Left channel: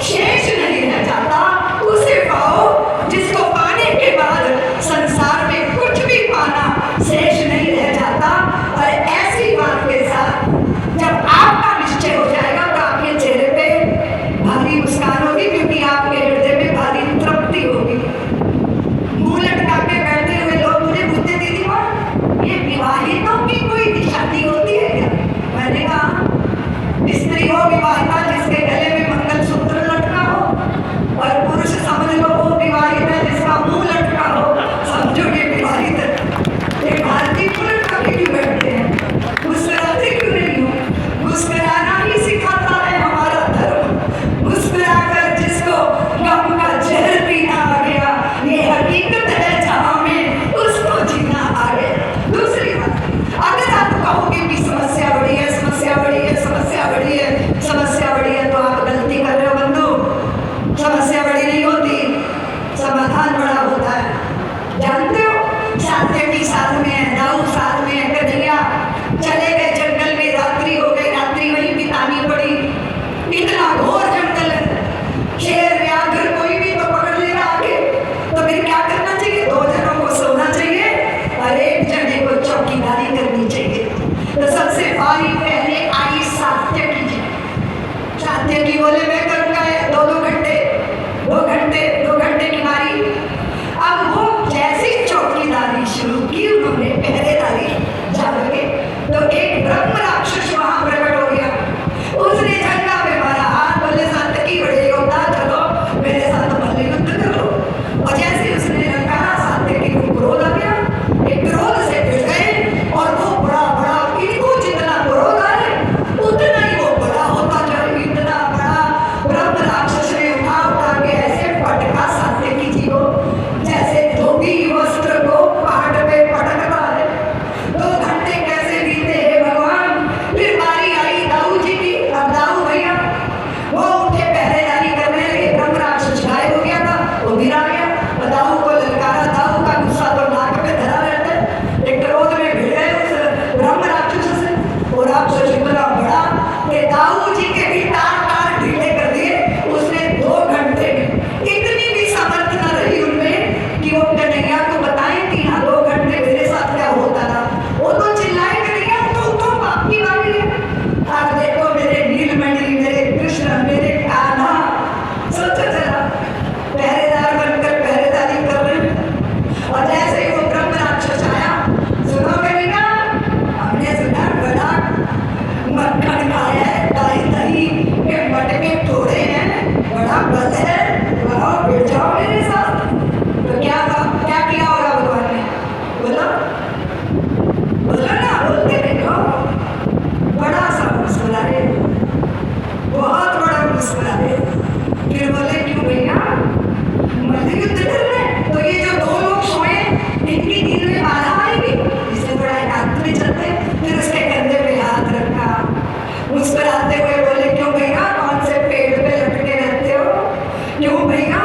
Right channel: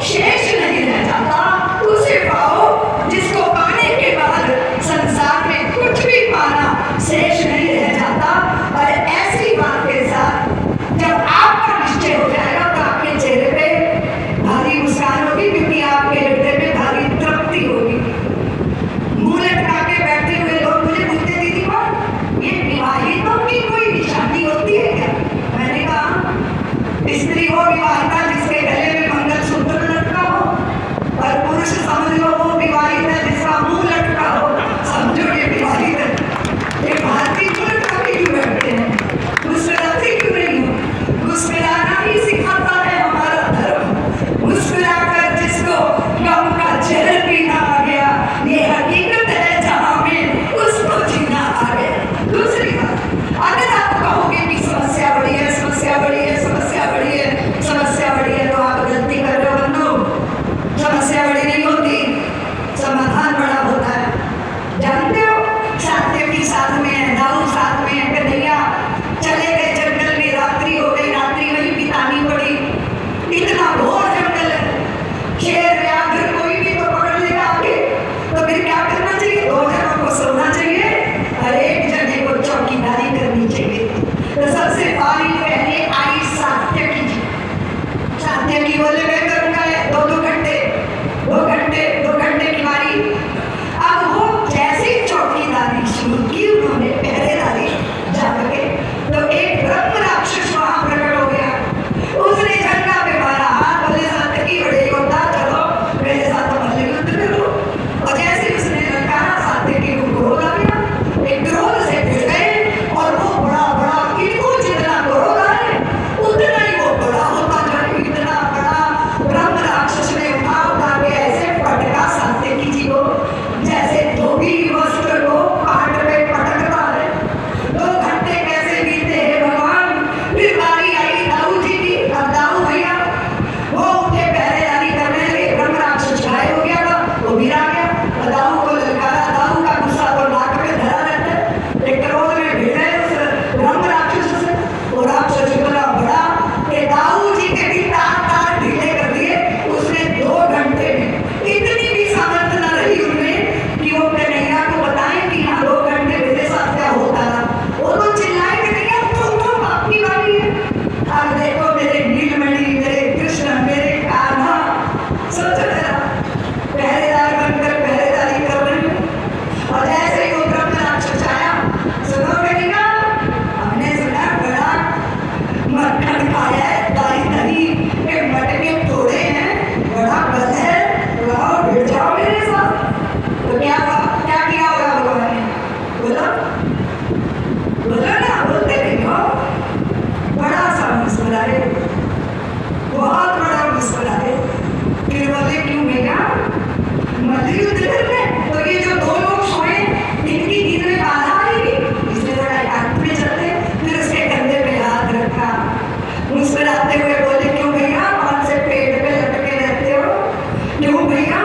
शेष नहीं रह जाता, उसे पाओ जिसको पाने के बाद संसार में कुछ भी पाना शेष नहीं रह जाता। और ऐसी बात के साथ जब आपका निश्चय हो जाएगा तो आपके चेहरे पे भारी मुस्कान होगी, क्योंकि आपके हृदय में भारी तृप्ति होगी। मुंह लटका के बैठे हुए लोग मुझे पूछते, दीदी कौन ये विवाहितों की कोई निशानी होती है क्या? मैंने कहा स्त्री हो विवाहिता जिसके गले में मंगलसूत्र लटका हो, और पुरुष समझ लो वो विवाहित है जिसका मुंह लटका हो, समझो ये विवाहित है। ये भारतीय मुंह लटका के क्यों बैठते हैं? मुस्कुराते क्यों नहीं हो? मुस्कुराना ही सिखाता है हमारा धर्म। मुस्कुराकर जिसको गम का जहर पीना आ गया, ये हकीकत है जहां में उसको जीना आ गया। दूसरी बात, अगर आप कहोगे कि समस्या बड़ी है, समस्या बड़ी है, समस्या बड़ी है, समस्या बड़ी है, तो आप गलती कर रहे हो बंधु। समस्या बड़ी नहीं होती, समाधान बड़ा होता है। जानते हो सात्यकी साथ में है, दाऊ साथ में है, कन्हैया चले गए जंगल में, रात्रि हो गई, रात्रि वहीं बितानी पड़ी। इतना घोर जंगल है, शेर व्याघ्र कोई भी तो पकड़ लेगा आगे, तो फिर क्या करना चाहिए? 2 जनों को सोना चाहिए और 1 जने को चौकीदारी करनी चाहिए। तो सबसे पहले आई सात्यकी जी। सात्यकी बोले मैं करूंगा 2-2 घंटे, 2 घंटे की बारी। अब वो जैसी चौकीदारी शुरू की, उन्होंने पहरेदारी जाके, तो एक ब्रह्म राक्षस वहां प्रकट हो गया। उसने झंडा पे मारा हाथ, बोले सात्यकी बड़े योद्धा, चलो मेरे साथ मल्ल युद्ध कर लो। और जैसे उसने ललकारा, सात्यकी को क्रोध आ गया, एक क्रोध से भिड़ गए, और वो बड़ा बड़ा, इनको जितना क्रोध आए उतना ही वो बड़ा होता जाए। इतना बड़ा ब्रह्म राक्षस ने उठा के ऐसे पटका सात्यकी जी को, जैसे धोबी वस्त्र को पाट पे पटकता है। 2 घंटे कैसे बीते हैं भगवान। फिर बारी आई दाऊ जी की। अब दाऊ भैया वो उठे पहरेदारी करने लगे, ब्रह्म राक्षस गायब हो गया था, वो गिर आ गया, और दाऊ को ललकारा। दाऊ का गुस्सा तो नाक पे धरा रहता है, एक क्रोध में भिड़ गए उस ब्रह्म राक्षस से। वो राक्षस इतना बड़ा कि दाऊ जी के भी तार ढीले कर दिए। उसने 2 घंटे में इतनी भी सामर्थ्य न रही उनमें कि वो कन्हैया को बताएं कि हाँ 2 घंटे मेरे साथ क्या होता था। वो तो चिल्लाए कन्हैया तो आपकी बारी है। अब देखो मेरे नीलमणि, मेरे कृष्ण, मेरे कान्हा, सोचो जरा, पहरेदार बनकर पहरेदारी कर रहे हैं। और जैसे ही वो ब्रह्म राक्षस आया, सुनो कन्हैया, हमने सुना बड़ा मक्खन खाया है, दही के मटके तोड़े हैं, बड़ा बल है, वहाँ भिड़ जाओ मेरे साथ। तो क्या किया होगा भगवान ने? बोलो बोलो ना, बोलते नहीं हो। बड़ा सा मुस्कुराए, बहुत बड़ा मुस्कुराए। फिर बोले क्यों भैया मल्ल युद्ध करना है? तो ये जो 2 लोग सोए इनकी नींद में बाधा आएगी, इसलिए थोड़ा एकांत में चलते। फिर उसके कंधे पे हाथ रखा, मुस्कुराते हुए बोले क्यों भैया कौन से पेड़ पे लटके रहते हो? क्यों भैया